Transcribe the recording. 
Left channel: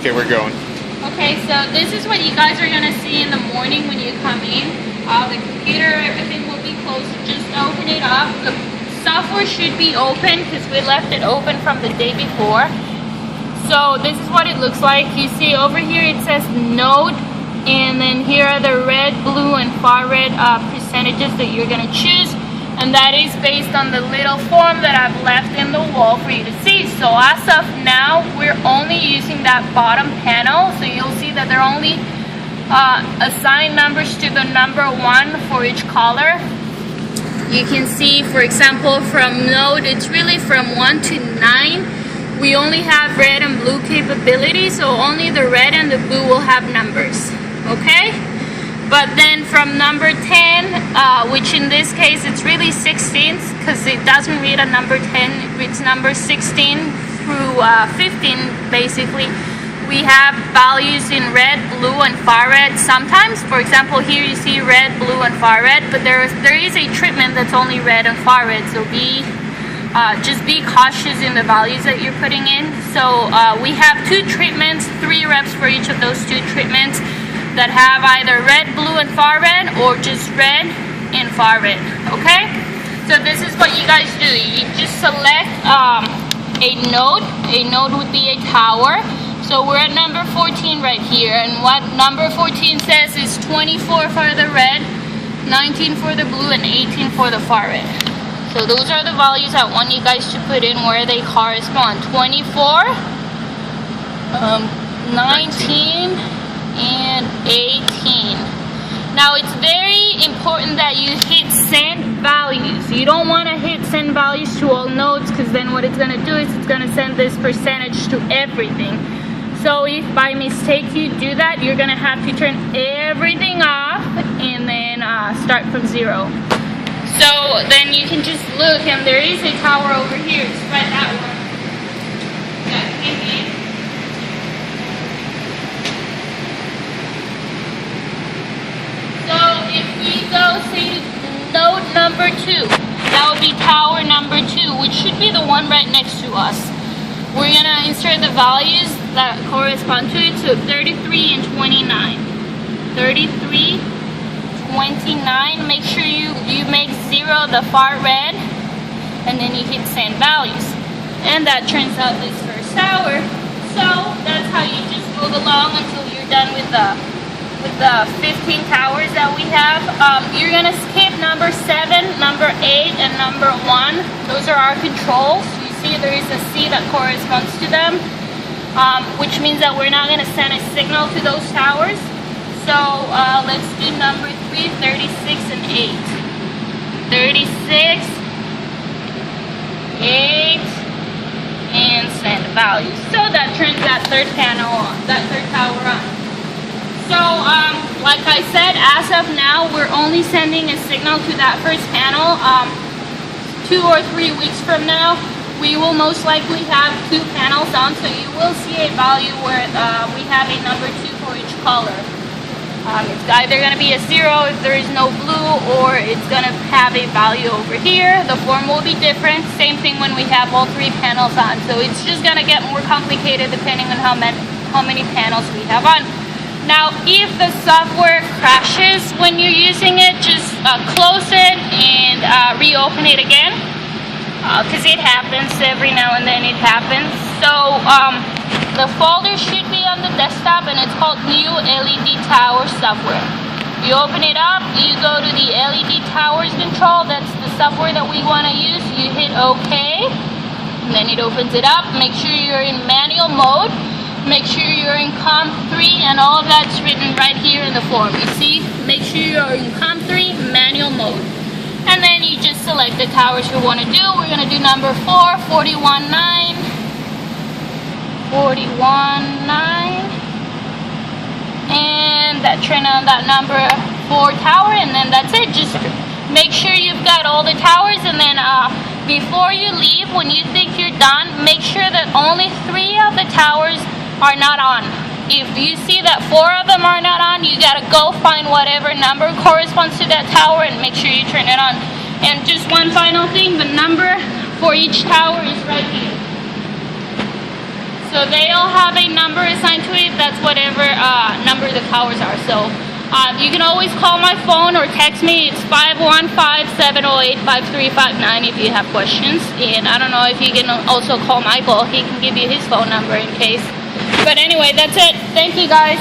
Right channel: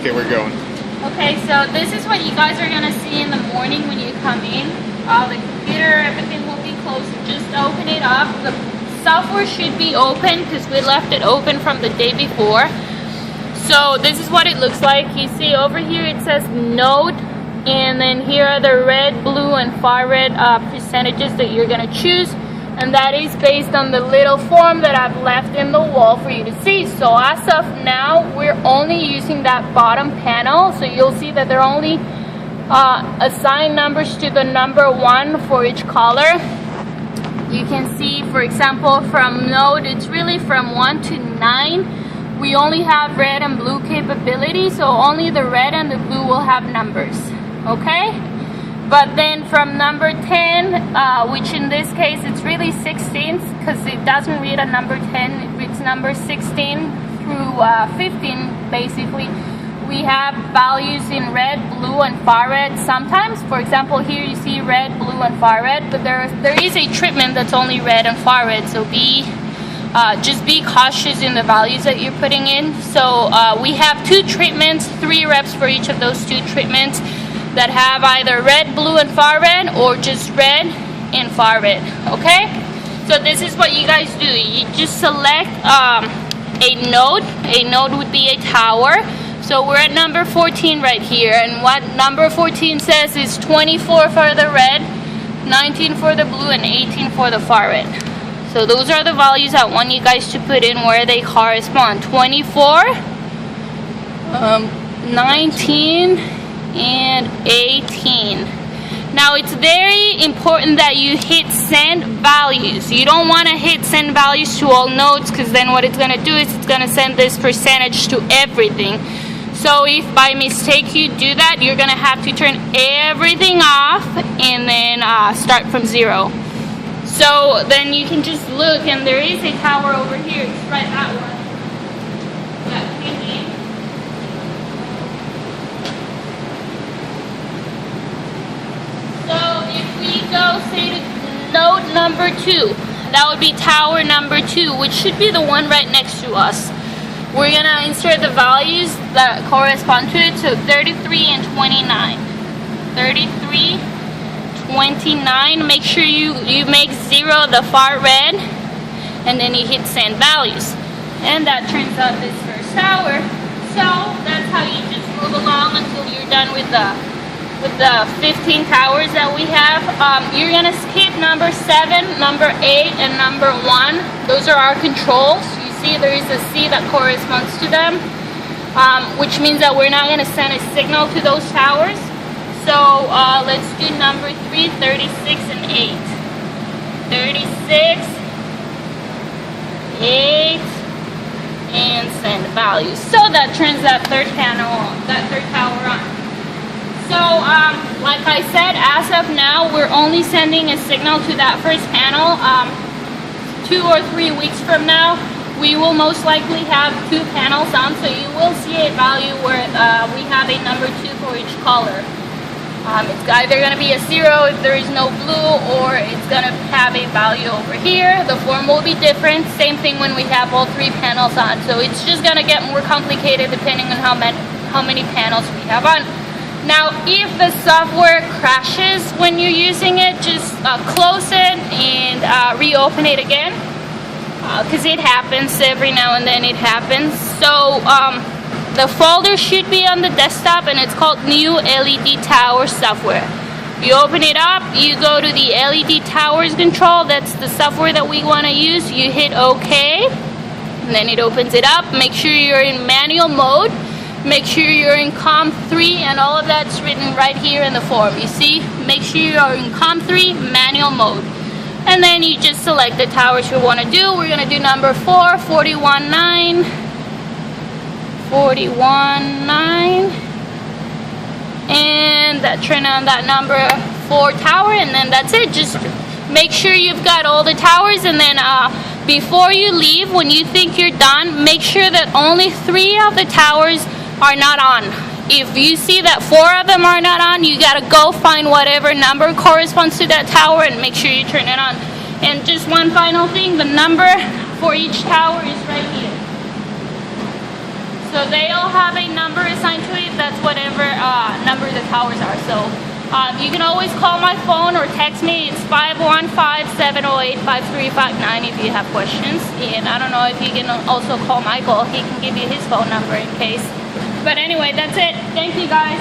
Okay, we're going. Okay, so this is what you guys are gonna see in the morning when you come in. The computer, everything will be closed. Just open it up. The software should be open because we left it open from the day before. So this is what it looks like. You see over here it says node, and then here are the red, blue, and far red percentages that you're gonna choose. And that is based on the little form that I've left in the wall for you to see. So as of now, we're only using that bottom panel. So you'll see that they're only assigned numbers to the number 1 for each color. You can see, for example, from node, it's really from 1 to 9. We only have red and blue capability, so only the red and the blue will have numbers, okay? But then from number 10, which in this case it's really 16th because it doesn't read a number 10, it reads number 16 through 15 basically. We have values in red, blue, and far red. Sometimes, for example, here you see red, blue, and far red, but there is a treatment that's only red and far red, so just be cautious in the values that you're putting in. So we have 2 treatments, 3 reps for each of those 2 treatments that have either red, blue, and far red, or just red and far red, okay? So this is what you guys do. You just select a node would be a tower. So we're at number 14 right here, and what number 14 says is 24 for the red, 19 for the blue, and 18 for the far red. So those are the values I want you guys to put in where they correspond. 24, 19, and 18. Now it's very important that you hit send values. You don't want to hit send values to all nodes, because then what it's going to do is it's going to send this percentage to everything. So if by mistake you do that, you're going to have to turn everything off and then start from 0. So then you can just look, and there is a tower over here. It's right that one. That came in. So if we go, say, to node number 2, that would be tower number 2, which should be the one right next to us. We're going to insert the values that correspond to it, so 33 and 29. 33, 29, make sure you make 0 the far red, and then you hit send values. And that turns out this first tower. So that's how you just move along until you're done with the 15 towers that we have. You're gonna skip number 7, number 8, and number 1. Those are our controls. You see there is a C that corresponds to them, which means that we're not gonna send a signal to those towers. So let's do number 3, 36, and 8. 36, 8, and send values. So that turns that third panel on, that third tower on. So, like I said, as of now, we're only sending a signal to that first panel. 2 or 3 weeks from now, we will most likely have 2 panels on, so you will see a value where we have a number 2 for each color. It's either going to be a 0 if there is no blue, or it's going to have a value over here. The form will be different. Same thing when we have all 3 panels on. So it's just going to get more complicated depending on how many panels we have on. Now, if the software crashes when you're using it, just close it and reopen it again, because it happens every now and then. It happens. So the folder should be on the desktop, and it's called New LED Tower Software. You open it up, you go to the LED Towers control. That's the software that we want to use. You hit OK, and then it opens it up. Make sure you're in manual mode. Make sure you're in COM3, and all of that's written right here in the form. You see? Make sure you're in COM3 manual mode. And then you just select the towers you want to do. We're going to do number 4, 41.9, 41.9, and that turn on that number 4 tower, and then that's it. Just make sure you've got all the towers, and then before you leave, when you think you're done, make sure that only 3 of the towers are not on. If you see that 4 of them are not on, you gotta go find whatever number corresponds to that tower and make sure you turn it on. And just one final thing, the number for each tower is right here. So they all have a number assigned to towers are. So you can always call my phone or text me. It's 515-708-5359 if you have questions. And I don't know if you can also call Michael. He can give you his phone number in case. But anyway, that's it. Thank you, guys.